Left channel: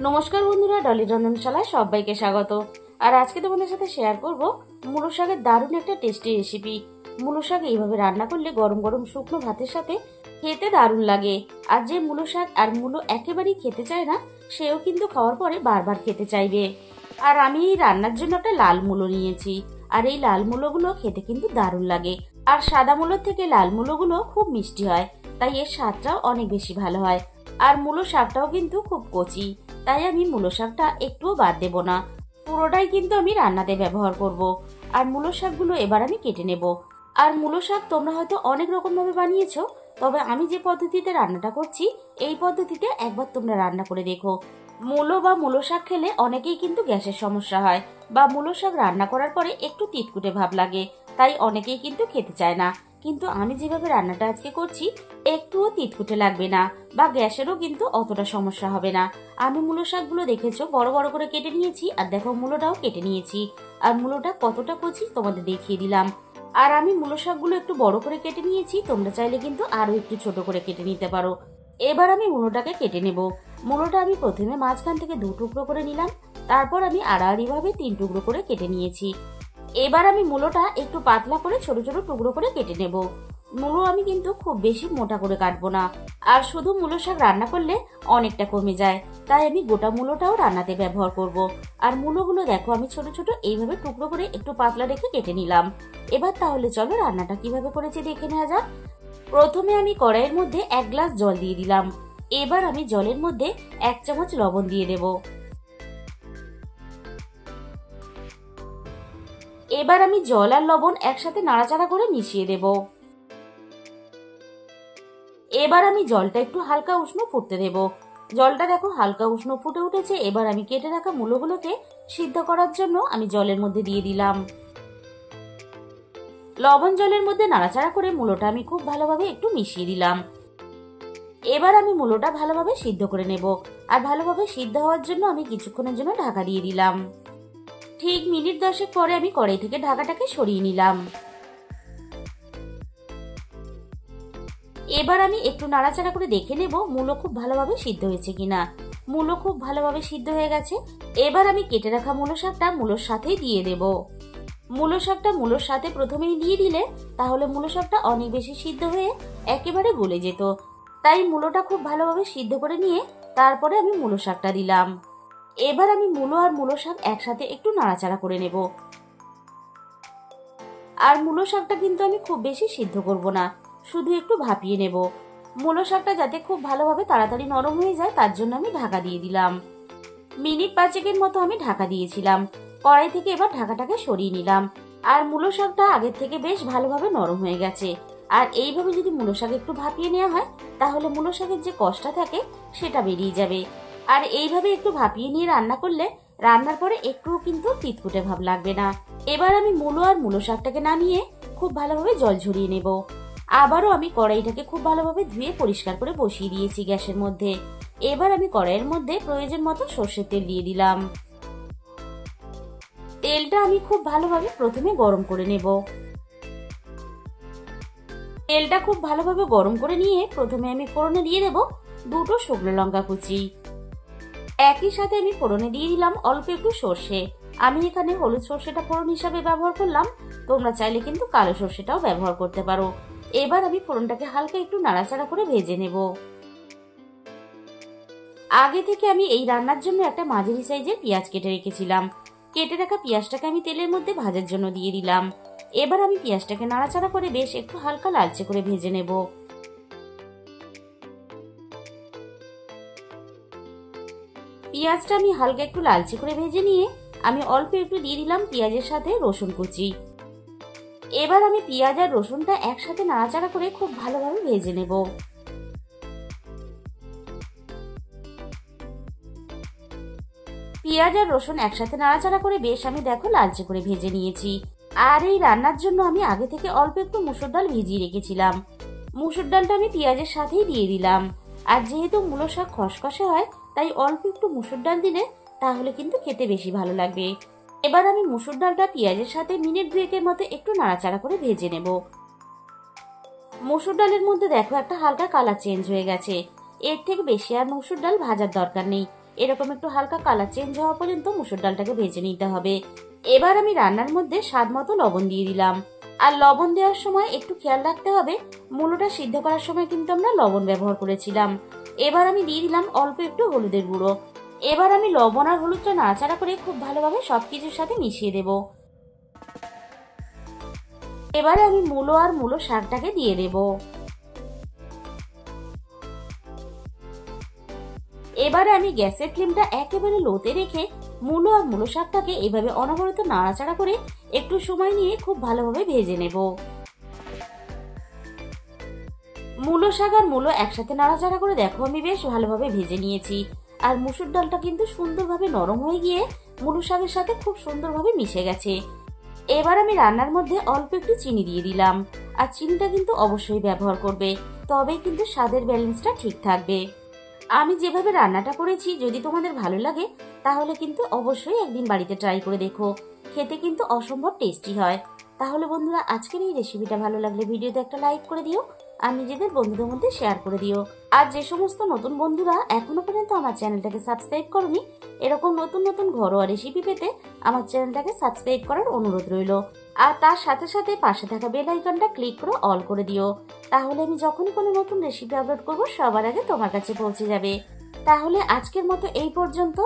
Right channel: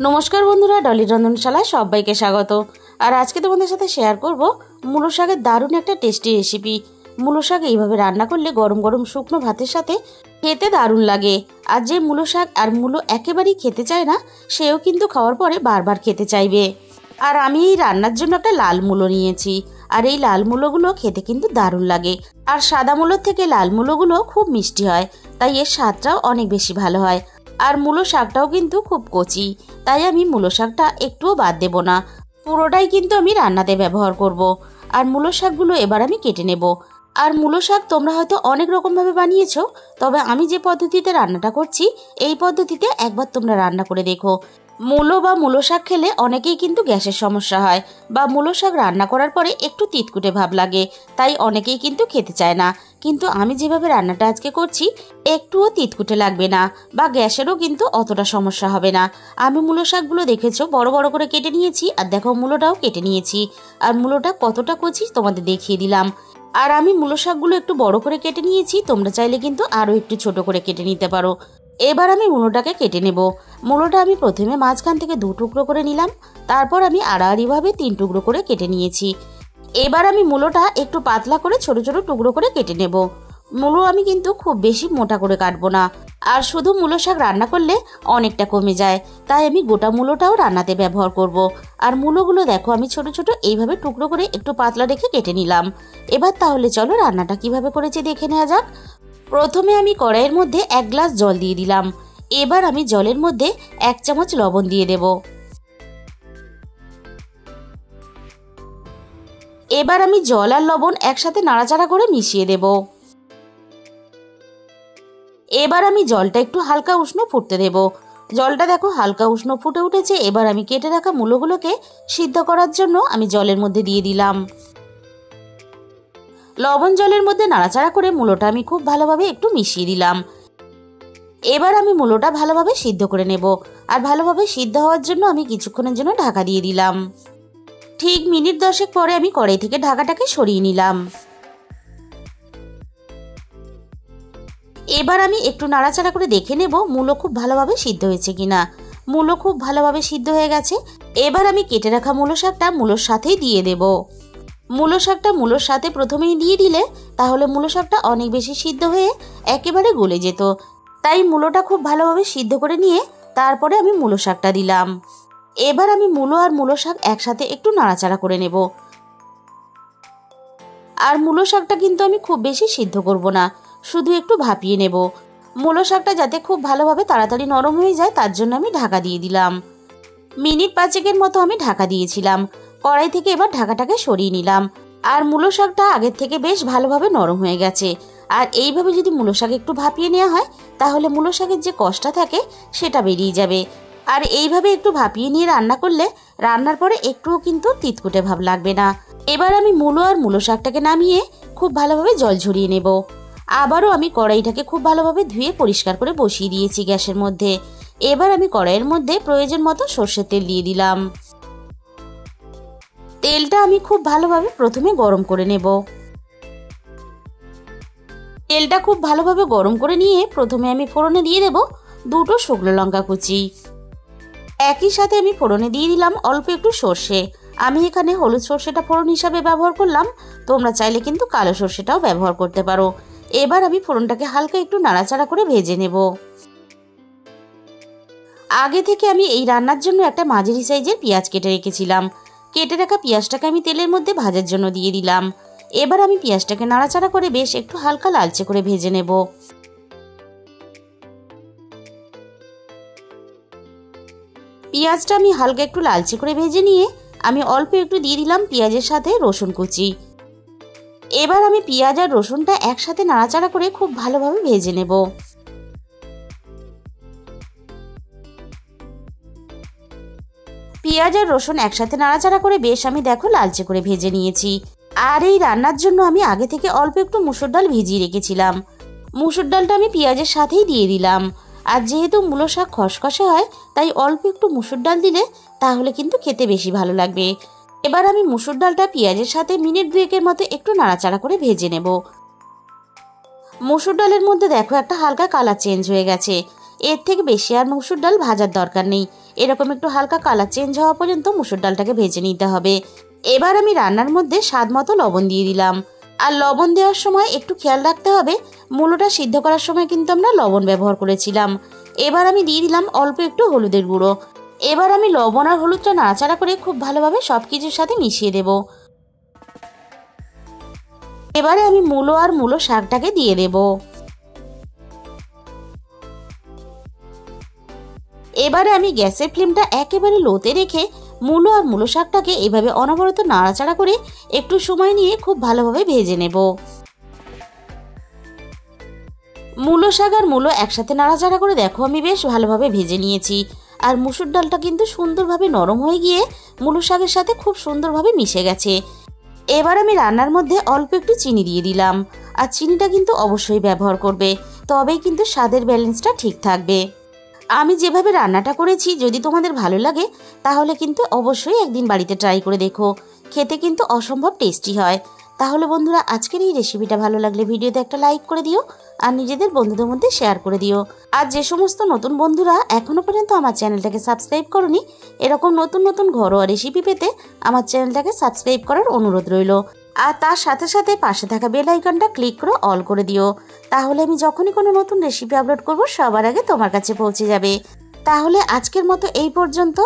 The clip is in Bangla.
নমস্কার বন্ধুরা, ডলি রন্ধনশালায় সবাইকে স্বাগত। আর আজকে তোমাদের সাথে শেয়ার করব মূলো শাকের দারুণ একটা টেস্টি রেসিপি। মূলো শাক এইভাবে রান্না করলে গরম গরম শুকনো ভাতের সাথে খেতে দারুণ লাগে। আর যে মূলো শাক আর মূলো একেবারেই খেতে চায় না, সেও কিন্তু খাওয়ার পরে বারবার খেতে চাইবে। আর আমি এই রান্নার জন্য একটা লাল মূলো নিয়েছি। আর এই লাল মূলোগুলো খেতে কিন্তু দারুণ লাগে। আর সাদা মূলোর থেকে লাল মূলোগুলো খুব মিষ্টি হয়, তাই এর স্বাদটাও অনেক বেশি ভালো হয়। আর মূলো শাকটাও কিন্তু খুব কচি, তাই আমি মূলো শাকটা একটুও বাদ দেব না, পুরোটাই কিন্তু আমি রান্নাতে ব্যবহার করব। আর মূলো শাকগুলো এবার আমি কেটে নেব। আর মূলো শাক তোমরা হয়তো অনেক রকমভাবে বানিয়েছো, তবে আমি যে পদ্ধতিতে রান্নাটা করছি এই পদ্ধতিতে একবার তোমরা রান্না করে দেখো। মূলো বা মূলো শাক খেলে অনেকেই কিন্তু গ্যাসের সমস্যা হয়, বা মূলো শাক রান্না করার পরে একটু তিতকুটে ভাব লাগে, তাই অনেকেই কিন্তু খেতে চায় না। কিন্তু আমি যেভাবে রান্নাটা আজকে করছি একটুও তিতকুটে লাগবে না, বা গ্যাসেরও কিন্তু অতটা সমস্যা হবে না। আমি মূলো শাকগুলো দেখেছো বড় বড় করে কেটে নিয়েছি, আর দেখো মূলোটাও কেটে নিয়েছি। আর মূলোটা কতটা কচি তোমাদের দেখিয়ে দিলাম। আর আমি মূলো শাকগুলো একটু বড় করে কেটে নিয়েছি, তোমরা চাইলে কিন্তু আরও একটু ছোট করে কেটে নিতে পারো। এবার আমি মূলোটাকে কেটে নেব। মূলোটা আমি প্রথমে মাঝখান থেকে 2 টুকরো করে নিলাম, তারপর আমি আড়াআড়িভাবে 3 টুকরো করে কেটে নিয়েছি। এবার আমি মূলোটা একটু পাতলা করে ছোট ছোট টুকরো করে কেটে নেব। মূলো আমি কিন্তু খুব বেশি মোটা করে কাটবো না, আর শুধু মূলো শাক রান্না করলে অনেকটা কমে যায়, তাই আমি গোটা মূলোটাও রান্নাতে ব্যবহার করব। আর মূলোগুলো দেখো আমি ছোট ছোট এইভাবে টুকরো করে একটু পাতলা রেখে কেটে নিলাম। এবার তাহলে চলো রান্নাটা কিভাবে করেছি দেখে নেওয়া যাক। প্রথমে আমি কড়াইয়ের মধ্যে 1 গ্লাস জল দিয়ে দিলাম। এবার আমি জলের মধ্যে 1 চামচ লবণ দিয়ে দেব। এবার আমি জল আর লবণ একসাথে নাড়াচাড়া করে মিশিয়ে দেব। এবার আমি জলটা একটু হালকা উষ্ণ ফুটতে দেব। জলটা দেখো হালকা উষ্ণ ফুটে উঠেছে। এবার আমি কেটে রাখা মূলোগুলোকে সিদ্ধ করার জন্য আমি জলের মধ্যে দিয়ে দিলাম। লবণ জলের মধ্যে নাড়াচাড়া করে মূলোটা আমি খুব ভালোভাবে একটু মিশিয়ে দিলাম। এবার আমি মূলোটা ভালোভাবে সিদ্ধ করে নেব। আর ভালোভাবে সিদ্ধ হওয়ার জন্য আমি কিছুক্ষণের জন্য ঢাকা দিয়ে দিলাম। ঠিক মিনিট 10 পরে আমি কড়াই থেকে ঢাকাটাকে সরিয়ে নিলাম। এবার আমি একটু নাড়াচাড়া করে দেখে নেব মূলো খুব ভালোভাবে সিদ্ধ হয়েছে কিনা। মূলো খুব ভালোভাবে সিদ্ধ হয়ে গেছে। এবার আমি কেটে রাখা মূলো শাকটা মূলোর সাথেই দিয়ে দেব। মূলো শাকটা মূলোর সাথে প্রথমেই দিয়ে দিলে তাহলে মূলো শাকটা অনেক বেশি সিদ্ধ হয়ে একেবারে গলে যেত, তাই মূলোটা খুব ভালোভাবে সিদ্ধ করে নিয়ে তারপরে আমি মূলো শাকটা দিলাম। এবার আমি মূলো আর মূলো শাক একসাথে একটু নাড়াচাড়া করে নেব। আর মূলো শাকটা কিন্তু আমি খুব বেশি সিদ্ধ করব না, শুধু একটু ভাপিয়ে নেব। মূলো শাকটা যাতে খুব ভালোভাবে তাড়াতাড়ি নরম হয়ে যায় তার জন্য আমি ঢাকা দিয়ে দিলাম। মিনিট 5 মতো আমি ঢাকা দিয়েছিলাম। কড়াই থেকে এবার ঢাকাটাকে সরিয়ে নিলাম। আর মূলো শাকটা আগের থেকে বেশ ভালোভাবে নরম হয়ে গেছে। আর এইভাবে যদি মূলো শাক একটু ভাপিয়ে নেওয়া হয় তাহলে মূলো শাকের যে কষটা থাকে সেটা বেরিয়ে যাবে। আর এইভাবে একটু ভাপিয়ে নিয়ে রান্না করলে রান্নার পরে একটুও কিন্তু তিতকুটে ভাব লাগবে না। এবার আমি মূলো আর মূলো শাকটাকে নামিয়ে খুব ভালোভাবে জল ঝরিয়ে নেব। আবারও আমি কড়াইটাকে খুব ভালোভাবে ধুয়ে পরিষ্কার করে বসিয়ে দিয়েছি গ্যাসের মধ্যে। এবার আমি কড়াইয়ের মধ্যে প্রয়োজন মতো সর্ষের তেল দিয়ে দিলাম। তেলটা আমি খুব ভালোভাবে প্রথমে গরম করে নেব। তেলটা খুব ভালোভাবে গরম করে নিয়ে প্রথমে আমি ফোড়নে দিয়ে দেব 2টো শুকনো লঙ্কা কুচি। একই সাথে আমি ফোড়নে দিয়ে দিলাম অল্প একটু সর্ষে। আমি এখানে হলুদ সর্ষেটা ফোড়ন হিসাবে ব্যবহার করলাম, তোমরা চাইলে কিন্তু কালো সর্ষেটাও ব্যবহার করতে পারো। এবার আমি ফোড়নটাকে হালকা একটু নাড়াচাড়া করে ভেজে নেব। আগে থেকে আমি এই রান্নার জন্য একটা মাঝারি সাইজের পেঁয়াজ কেটে রেখেছিলাম। কেটে রাখা পেঁয়াজটাকে আমি তেলের মধ্যে ভাজার জন্য দিয়ে দিলাম। এবার আমি পেঁয়াজটাকে নাড়াচাড়া করে বেশ একটু হালকা লালচে করে ভেজে নেব। পেঁয়াজটা আমি হালকা একটু লালচে করে ভেজে নিয়ে আমি অল্প একটু দিয়ে দিলাম পেঁয়াজের সাথে রসুন কুচি। এবার আমি পেঁয়াজ আর রসুনটা একসাথে নাড়াচাড়া করে খুব ভালোভাবে ভেজে নেব। পেঁয়াজ আর রসুন একসাথে নাড়াচাড়া করে বেশ আমি দেখো লালচে করে ভেজে নিয়েছি। আর এই রান্নার জন্য আমি আগে থেকে অল্প একটু মুসুর ডাল ভিজিয়ে রেখেছিলাম। মুসুর ডালটা আমি পেঁয়াজের সাথেই দিয়ে দিলাম। আর যেহেতু মূলো শাক খসখসে হয় তাই অল্প একটু মুসুর ডাল দিলে তাহলে কিন্তু খেতে বেশি ভালো লাগবে। এবার আমি মুসুর ডালটা পেঁয়াজের সাথে মিনিট 2 মতো একটু নাড়াচাড়া করে ভেজে নেব। মুসুর ডালের মধ্যে দেখো একটা হালকা কালার চেঞ্জ হয়ে গেছে। এর থেকে বেশি আর মসুর ডাল ভাজার দরকার নেই। এরকম একটু হালকা কালার চেঞ্জ হওয়া পর্যন্ত মুসুর ডালটাকে ভেজে নিতে হবে। এবার আমি রান্নার মধ্যে স্বাদ মতো লবণ দিয়ে দিলাম। আর লবণ দেওয়ার সময় একটু খেয়াল রাখতে হবে, মূলোটা সিদ্ধ করার সময় কিন্তু আমরা লবণ ব্যবহার করেছিলাম। এবার আমি দিয়ে দিলাম অল্প একটু হলুদের গুঁড়ো। এবার আমি লবণ আর হলুদটা নাড়াচাড়া করে খুব ভালোভাবে সবকিছুর সাথে মিশিয়ে দেব। এবারে আমি মূলো আর মূলো শাকটাকে দিয়ে দেব। এবারে আমি গ্যাসের ফ্লেমটা একেবারে লোতে রেখে মূলো আর মূলো শাকটাকে এভাবে অনবরত নাড়াচাড়া করে একটু সময় নিয়ে খুব ভালোভাবে ভেজে নেব। মূলো শাক আর মূলো একসাথে নাড়াচাড়া করে দেখো আমি বেশ ভালোভাবে ভেজে নিয়েছি। আর মুসুর ডালটা কিন্তু সুন্দরভাবে নরম হয়ে গিয়ে মূলো শাকের সাথে খুব সুন্দরভাবে মিশে গেছে। এবার আমি রান্নার মধ্যে অল্প একটু চিনি দিয়ে দিলাম। আর চিনিটা কিন্তু অবশ্যই ব্যবহার করবে, তবেই কিন্তু স্বাদের ব্যালেন্সটা ঠিক থাকবে। আমি যেভাবে রান্নাটা করেছি যদি তোমাদের ভালো লাগে তাহলে কিন্তু অবশ্যই একদিন বাড়িতে ট্রাই করে দেখো, খেতে কিন্তু অসম্ভব টেস্টি হয়। তাহলে বন্ধুরা, আজকের এই রেসিপিটা ভালো লাগলে ভিডিওতে একটা লাইক করে দিও আর নিজেদের বন্ধুদের মধ্যে শেয়ার করে দিও। আর যে সমস্ত নতুন বন্ধুরা এখনো পর্যন্ত আমার চ্যানেলটাকে সাবস্ক্রাইব করনি, এরকম নতুন নতুন ঘরোয়া রেসিপি পেতে আমার চ্যানেলটাকে সাবস্ক্রাইব করার অনুরোধ রইল। আর তার সাথে সাথে পাশে থাকা বেল আইকনটা ক্লিক করে অল করে দিও, তাহলে আমি যখনই কোনো নতুন রেসিপি আপলোড করব সবার আগে তোমার কাছে পৌঁছে যাবে। তাহলে আজকের মতো এই পর্যন্ত।